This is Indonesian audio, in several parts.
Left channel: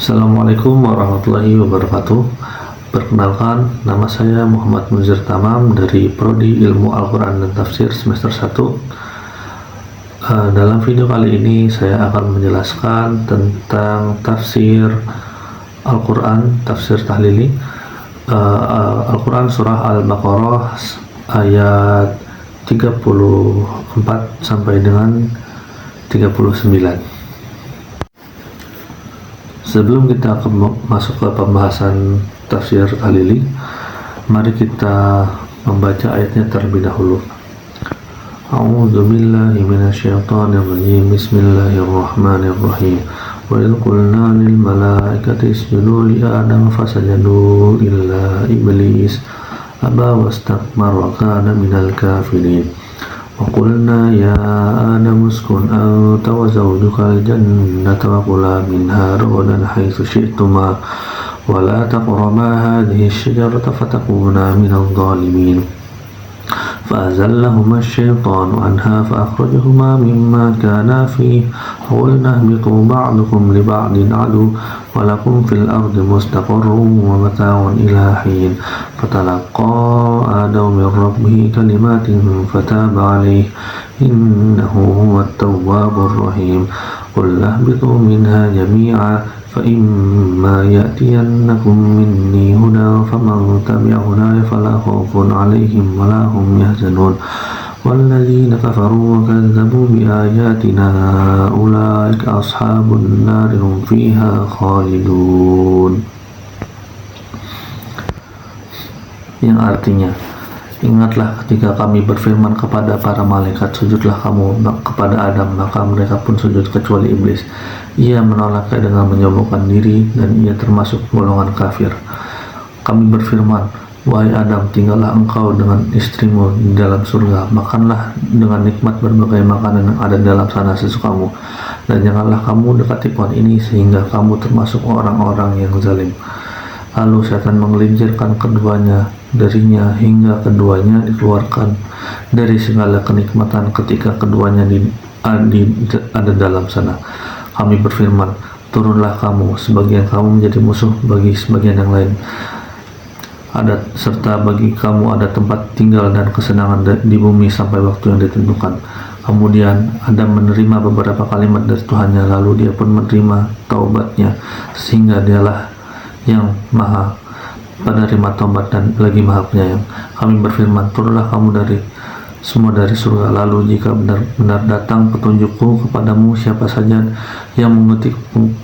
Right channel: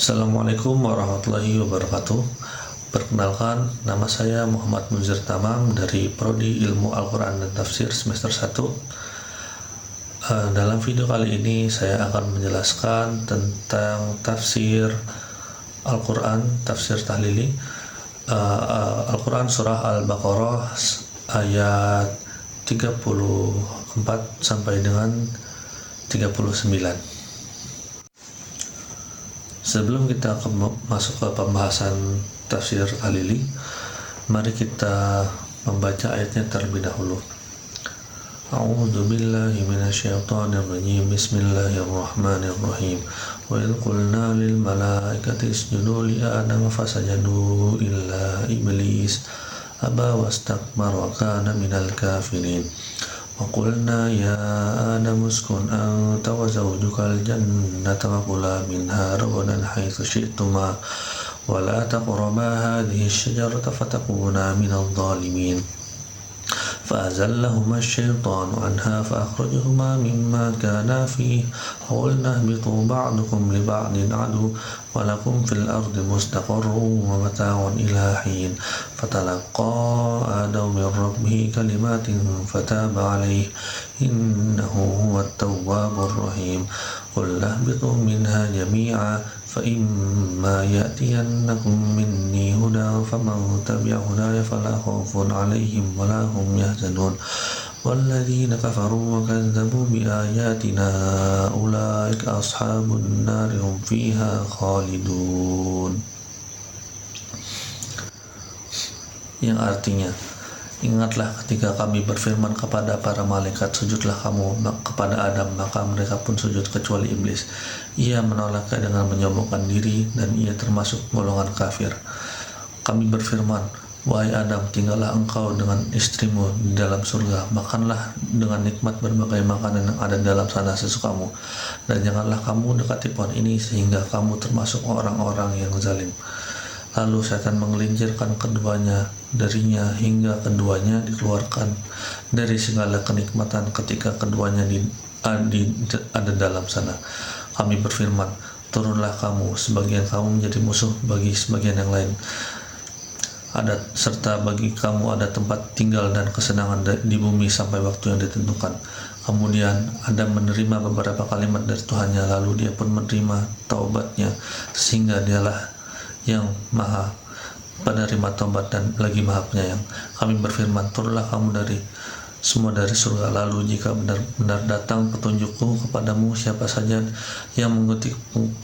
Assalamualaikum warahmatullahi wabarakatuh. Perkenalkan, nama saya Muhammad Muzir Tamam dari Prodi Ilmu Al-Quran dan Tafsir semester 1. Dalam video kali ini saya akan menjelaskan tentang tafsir Al-Quran, tafsir tahlili Al-Quran surah Al-Baqarah ayat 34 sampai dengan 39. Sebelum kita masuk ke pembahasan tafsir tahlili, mari kita membaca ayatnya terlebih dahulu. A'udzu billahi minasyaitonir rajim. Bismillahirrahmanirrahim. Wa idh qulna lil malaikati isjudu li adama fasajadu illa iblis aba wastakbara wa kana minal kafirin. وقلنا يا آدم اسكن أنت وزوجك الجنة وكلا منها رغدا حيث شئتما ولا تقربا هذه الشجرة فتكونا من الظالمين فأزلهما الشيطان عنها فأخرجهما مما كانا فيه وقلنا اهبطوا بعضكم لبعض عدو ولكم في الأرض مستقر ومتاع إلى حين فتلقى آدم من ربه كلمات فتاب عليه إنه هو التواب الرحيم قل اهبطوا منها جميعا فإما يأتينكم مني هدى فمن تبع هداي فلا خوف عليهم ولا هم يحزنون والذين كفروا وكذبوا بآياتنا أولئك أصحاب النار هم فيها خالدون. Yang artinya, ingatlah ketika kami berfirman kepada para malaikat, sujudlah kamu kepada Adam, maka mereka pun sujud kecuali iblis. Ia menolaknya dengan menyombongkan diri dan ia termasuk golongan kafir. Kami berfirman, wahai Adam, tinggallah engkau dengan istrimu di dalam surga, makanlah dengan nikmat berbagai makanan yang ada dalam sana sesukamu, dan janganlah kamu dekati pohon ini sehingga kamu termasuk orang-orang yang zalim. Lalu setan menggelincirkan keduanya darinya hingga keduanya dikeluarkan dari segala kenikmatan ketika keduanya ada dalam sana. Kami berfirman, turunlah kamu, sebagian kamu menjadi musuh bagi sebagian yang lain. Serta bagi kamu ada tempat tinggal dan kesenangan di bumi sampai waktu yang ditentukan. Kemudian Adam menerima beberapa kalimat dari Tuhannya, lalu dia pun menerima taubatnya, sehingga dialah yang maha penerima taubat dan lagi maha penyayang. Kami berfirman, turunlah kamu dari surga, lalu jika benar-benar datang petunjukku kepadamu, siapa saja yang mengikuti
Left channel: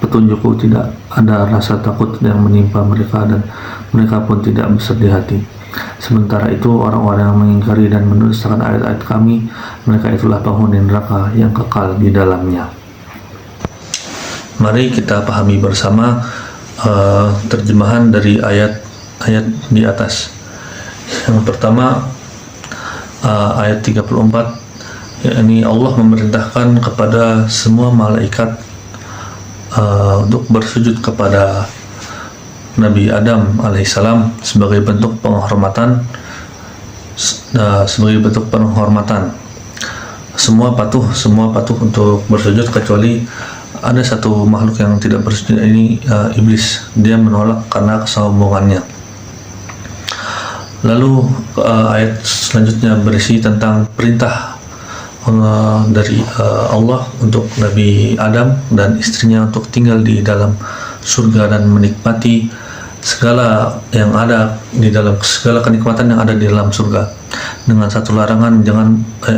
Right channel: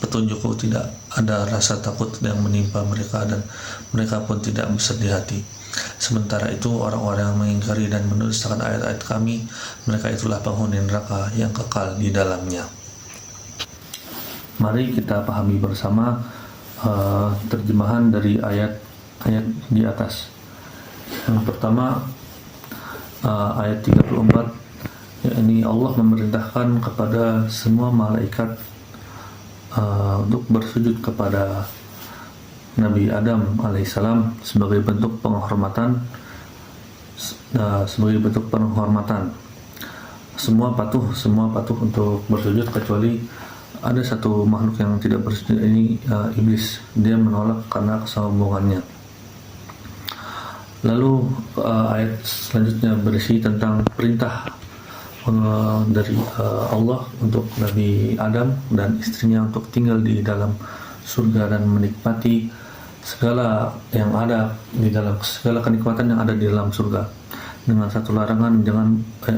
petunjukku tidak ada rasa takut yang menimpa mereka dan mereka pun tidak bersedih hati. Sementara itu orang-orang yang mengingkari dan mendustakan ayat-ayat kami, mereka itulah penghuni neraka yang kekal di dalamnya. Mari kita pahami bersama terjemahan dari ayat-ayat di atas. Yang pertama, ayat 34, yakni Allah memerintahkan kepada semua malaikat untuk bersujud kepada Nabi Adam alaihissalam sebagai bentuk penghormatan. Semua patuh untuk bersujud kecuali ada satu makhluk yang tidak bersujud, ini iblis. Dia menolak karena kesombongannya. Lalu ayat selanjutnya berisi tentang perintah dari Allah untuk Nabi Adam dan istrinya untuk tinggal di dalam surga dan menikmati segala yang ada di dalam, segala kenikmatan yang ada di dalam surga, dengan satu larangan,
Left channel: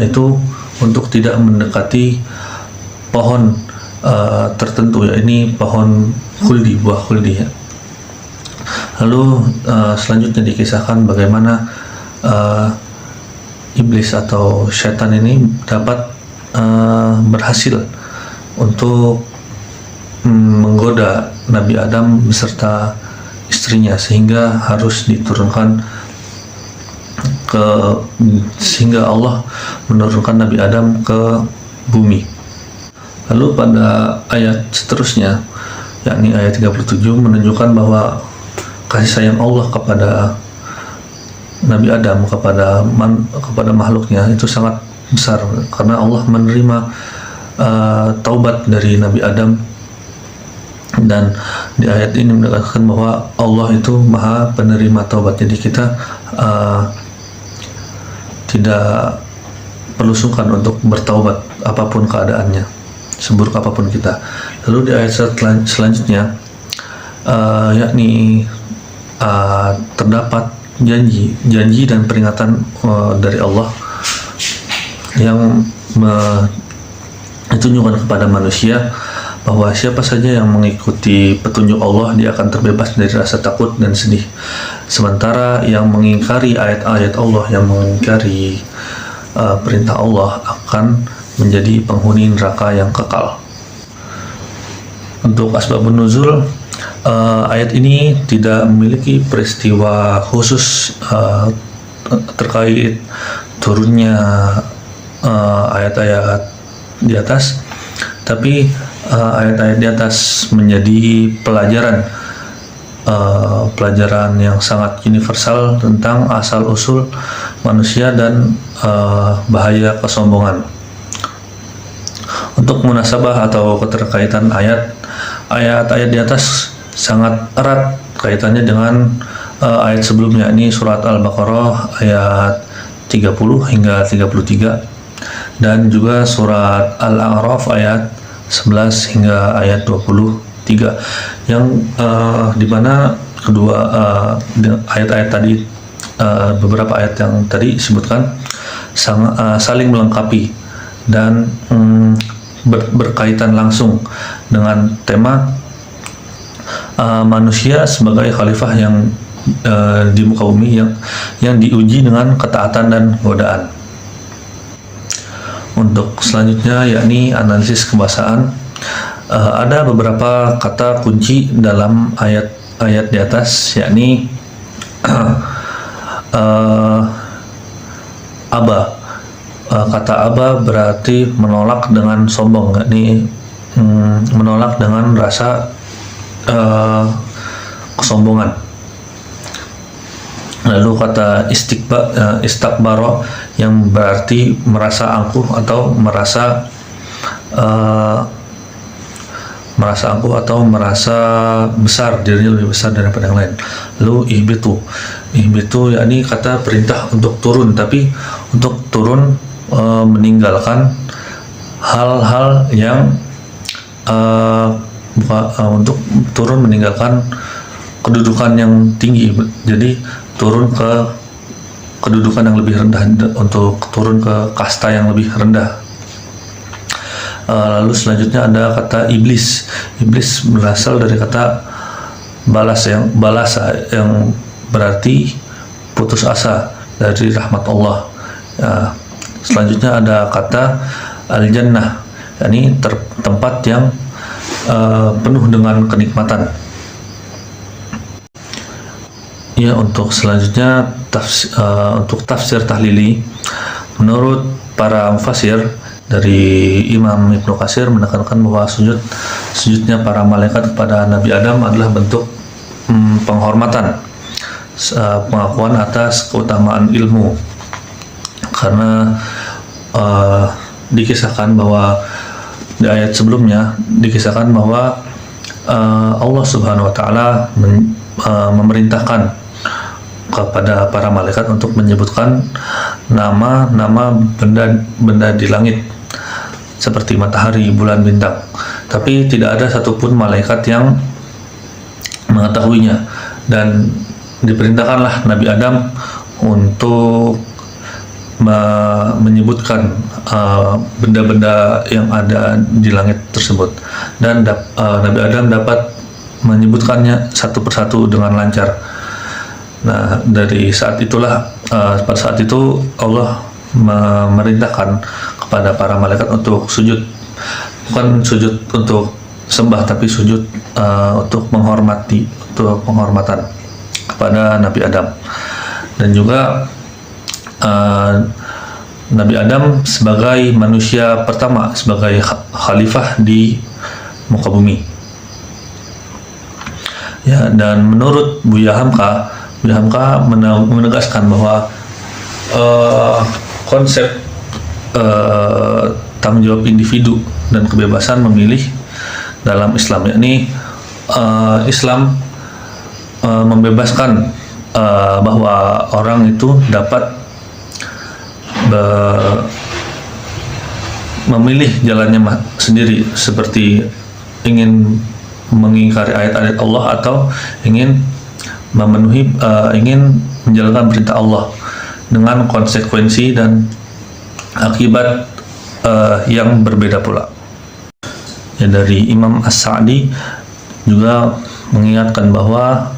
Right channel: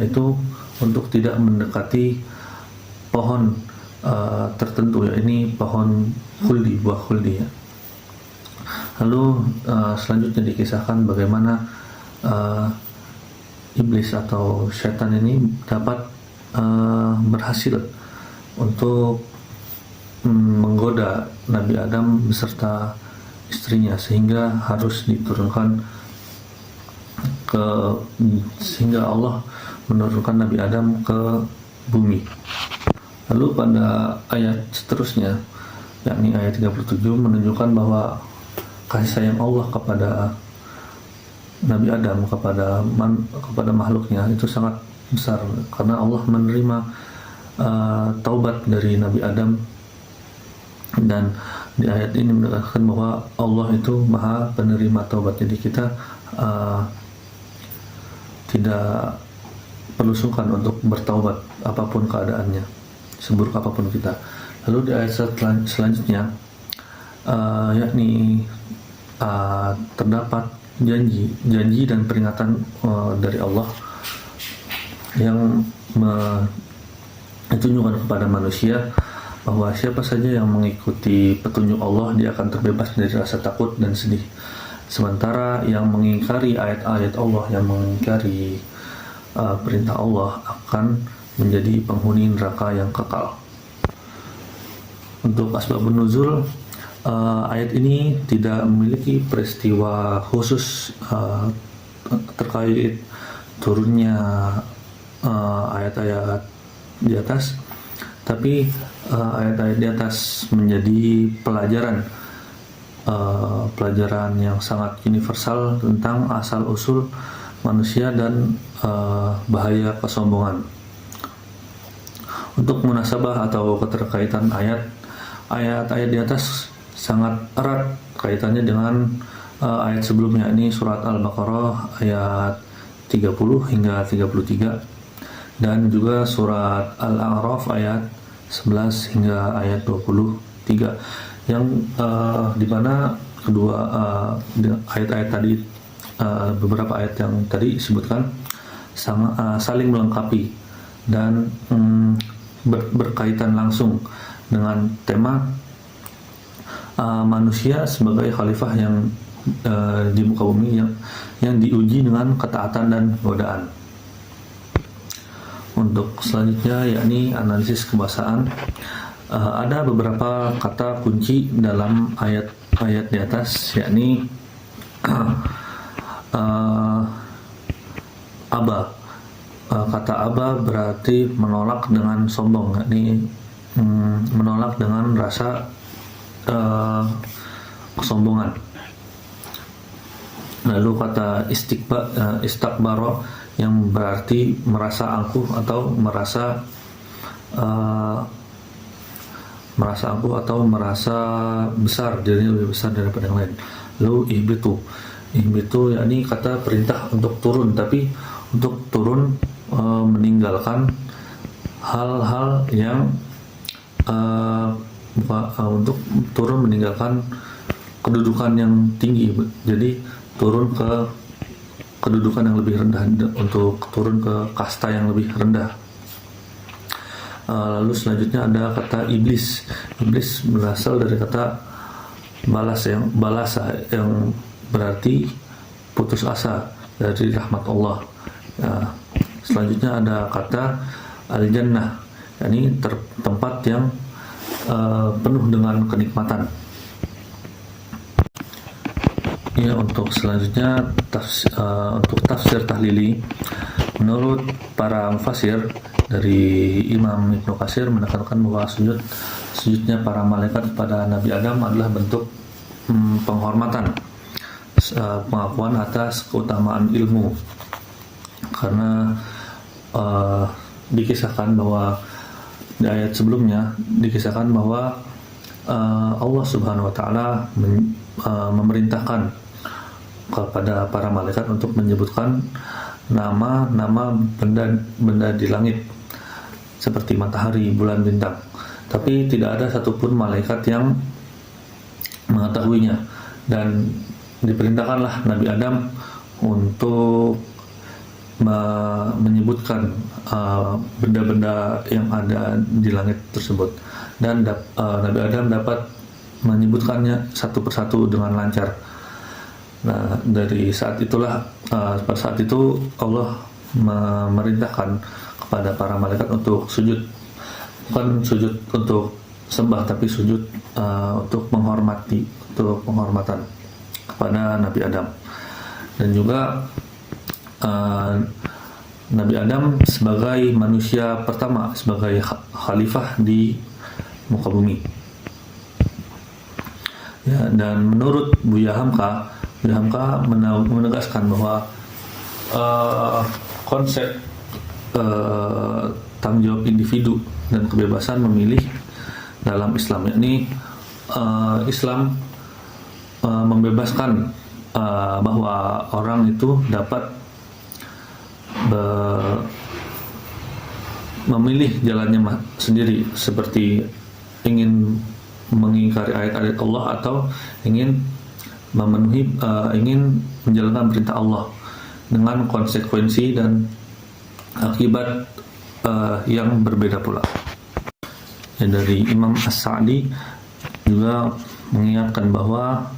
itu untuk tidak mendekati pohon tertentu, ya ini pohon khuldi, buah khuldi ya. Lalu selanjutnya dikisahkan bagaimana iblis atau syaitan ini dapat berhasil untuk menggoda Nabi Adam beserta istrinya sehingga harus diturunkan sehingga Allah menurunkan Nabi Adam ke bumi. Lalu pada ayat seterusnya, yakni ayat 37, menunjukkan bahwa kasih sayang Allah kepada Nabi Adam, kepada makhluknya itu sangat besar, karena Allah menerima taubat dari Nabi Adam Dan di ayat ini menegaskan bahwa Allah itu maha penerima taubat, jadi kita tidak perlu sungkan untuk bertaubat apapun keadaannya, seburuk apapun kita. Lalu di ayat selanjutnya yakni terdapat janji dan peringatan dari Allah yang ditunjukkan kepada manusia bahwa siapa saja yang mengikuti petunjuk Allah, dia akan terbebas dari rasa takut dan sedih. Sementara yang mengingkari ayat-ayat Allah, yang mengingkari perintah Allah, akan menjadi penghuni neraka yang kekal. Untuk asbabun nuzul, ayat ini tidak memiliki peristiwa khusus terkait turunnya ayat-ayat di atas, tapi ayat-ayat di atas menjadi pelajaran yang sangat universal tentang asal-usul manusia dan bahaya kesombongan. Untuk munasabah atau keterkaitan ayat-ayat di atas sangat erat kaitannya dengan ayat sebelumnya, ini surat Al-Baqarah ayat 30 hingga 33, dan juga surat Al-A'raf ayat 11 hingga ayat 23, yang dimana kedua ayat-ayat tadi, beberapa ayat yang tadi disebutkan saling melengkapi dan berkaitan langsung dengan tema manusia sebagai khalifah yang di muka bumi yang diuji dengan ketaatan dan godaan. Untuk selanjutnya yakni analisis kebahasaan, ada beberapa kata kunci dalam ayat-ayat di atas, yakni aba. Kata aba berarti menolak dengan sombong, yakni menolak dengan rasa kesombongan. Lalu kata istakbaro yang berarti merasa angkuh atau merasa angkuh atau merasa besar, dirinya lebih besar daripada yang lain. Lalu ihbitu yakni kata perintah untuk turun, tapi untuk turun meninggalkan hal-hal yang untuk turun meninggalkan kedudukan yang tinggi, jadi turun ke kedudukan yang lebih rendah, untuk turun ke kasta yang lebih rendah. Lalu selanjutnya ada kata iblis. Iblis berasal dari kata balas yang berarti putus asa dari rahmat Allah. Selanjutnya ada kata al-jannah, yakni tempat yang penuh dengan kenikmatan. Ya, untuk selanjutnya untuk tafsir tahlili, menurut para mufassir dari Imam Ibnu Katsir menekankan bahwa sujudnya para malaikat kepada Nabi Adam adalah bentuk penghormatan, pengakuan atas keutamaan ilmu, karena dikisahkan bahwa di ayat sebelumnya dikisahkan bahwa Allah Subhanahu wa taala memerintahkan kepada para malaikat untuk menyebutkan nama-nama benda di langit seperti matahari, bulan, bintang, tapi tidak ada satupun malaikat yang mengetahuinya, dan diperintahkanlah Nabi Adam untuk menyebutkan benda-benda yang ada di langit tersebut, dan Nabi Adam dapat menyebutkannya satu persatu dengan lancar. Nah, dari saat itulah pada saat itu Allah memerintahkan kepada para malaikat untuk sujud, bukan sujud untuk sembah, tapi sujud untuk penghormatan kepada Nabi Adam. Dan juga Nabi Adam sebagai manusia pertama, sebagai khalifah di muka bumi. Ya, dan menurut Buya Hamka menegaskan bahwa konsep tanggung jawab individu dan kebebasan memilih dalam Islam, yakni Islam membebaskan bahwa orang itu dapat memilih jalannya sendiri, seperti ingin mengingkari ayat-ayat Allah atau ingin ingin menjalankan perintah Allah dengan konsekuensi dan akibat yang berbeda pula. Ya, dari Imam As-Sa'di juga mengingatkan bahwa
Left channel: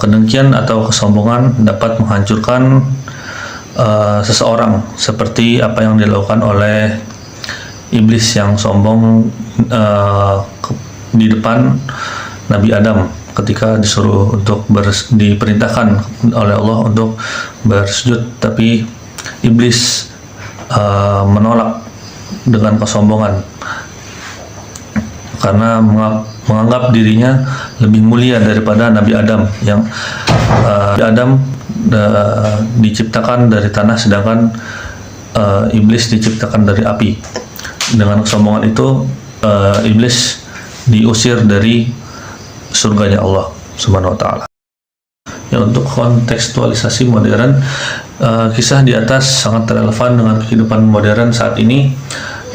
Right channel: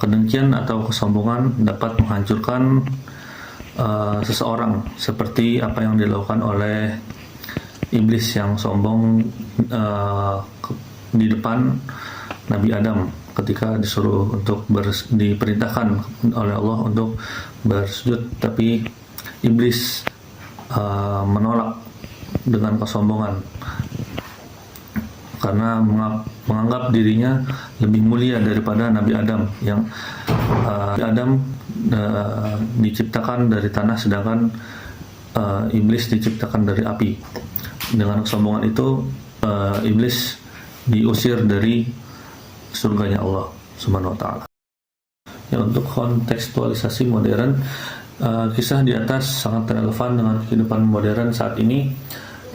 kedengkian atau kesombongan dapat menghancurkan seseorang, seperti apa yang dilakukan oleh iblis yang sombong di depan Nabi Adam ketika disuruh untuk diperintahkan oleh Allah untuk bersujud, tapi iblis menolak dengan kesombongan karena menganggap dirinya lebih mulia daripada Nabi Adam, yang Nabi Adam diciptakan dari tanah sedangkan iblis diciptakan dari api. Dengan kesombongan itu iblis diusir dari surganya Allah Subhanahu wa taala. Ya, untuk kontekstualisasi modern, kisah di atas sangat relevan dengan kehidupan modern saat ini,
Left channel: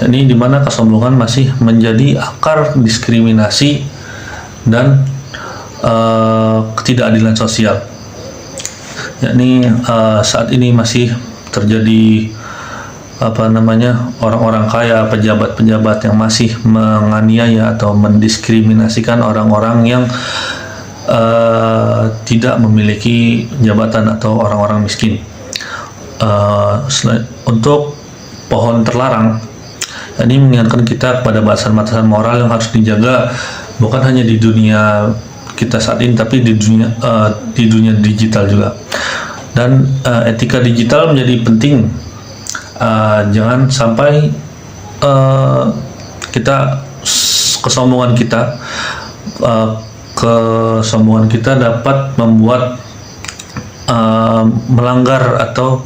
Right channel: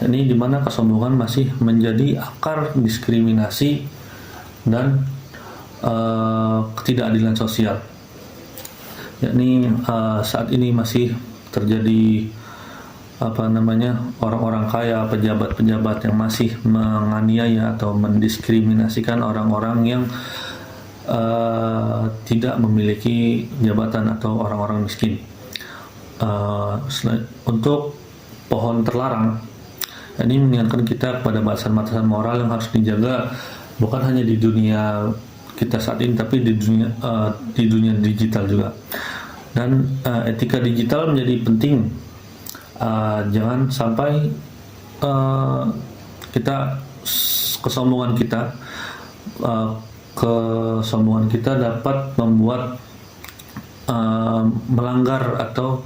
yakni di mana kesombongan masih menjadi akar diskriminasi dan ketidakadilan sosial. Yakni saat ini masih terjadi orang-orang kaya, pejabat-pejabat yang masih menganiaya atau mendiskriminasikan orang-orang yang tidak memiliki jabatan atau orang-orang miskin. Untuk pohon terlarang, ini mengingatkan kita kepada batasan-batasan moral yang harus dijaga, bukan hanya di dunia kita saat ini, tapi di dunia digital juga. Dan etika digital menjadi penting. Jangan sampai kesombongan kita dapat membuat melanggar atau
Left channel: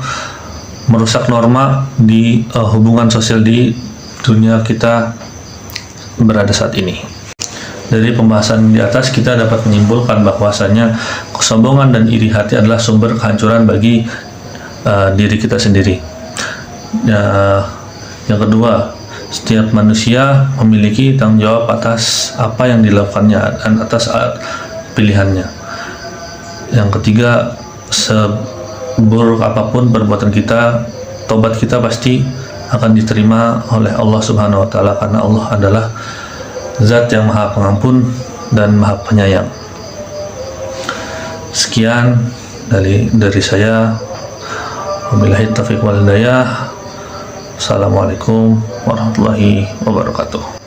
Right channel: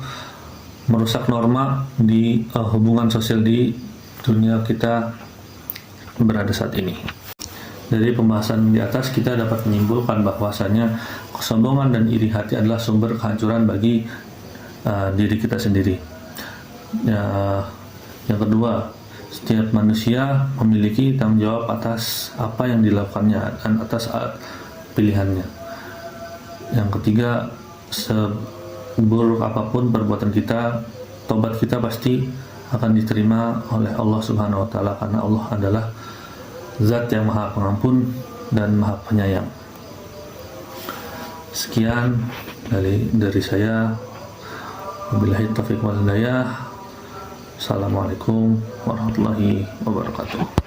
merusak norma di hubungan sosial di dunia kita berada saat ini. Dari pembahasan di atas kita dapat menyimpulkan bahwasanya kesombongan dan iri hati adalah sumber kehancuran bagi diri kita sendiri. Yang kedua, setiap manusia memiliki tanggung jawab atas apa yang dilakukannya dan atas pilihannya. Yang ketiga, seburuk apapun perbuatan kita, tobat kita pasti akan diterima oleh Allah Subhanahu wa taala, karena Allah adalah Zat yang Maha Pengampun dan Maha Penyayang. Sekian dari saya. Wabillahi taufiq wal hidayah. Assalamualaikum warahmatullahi wabarakatuh.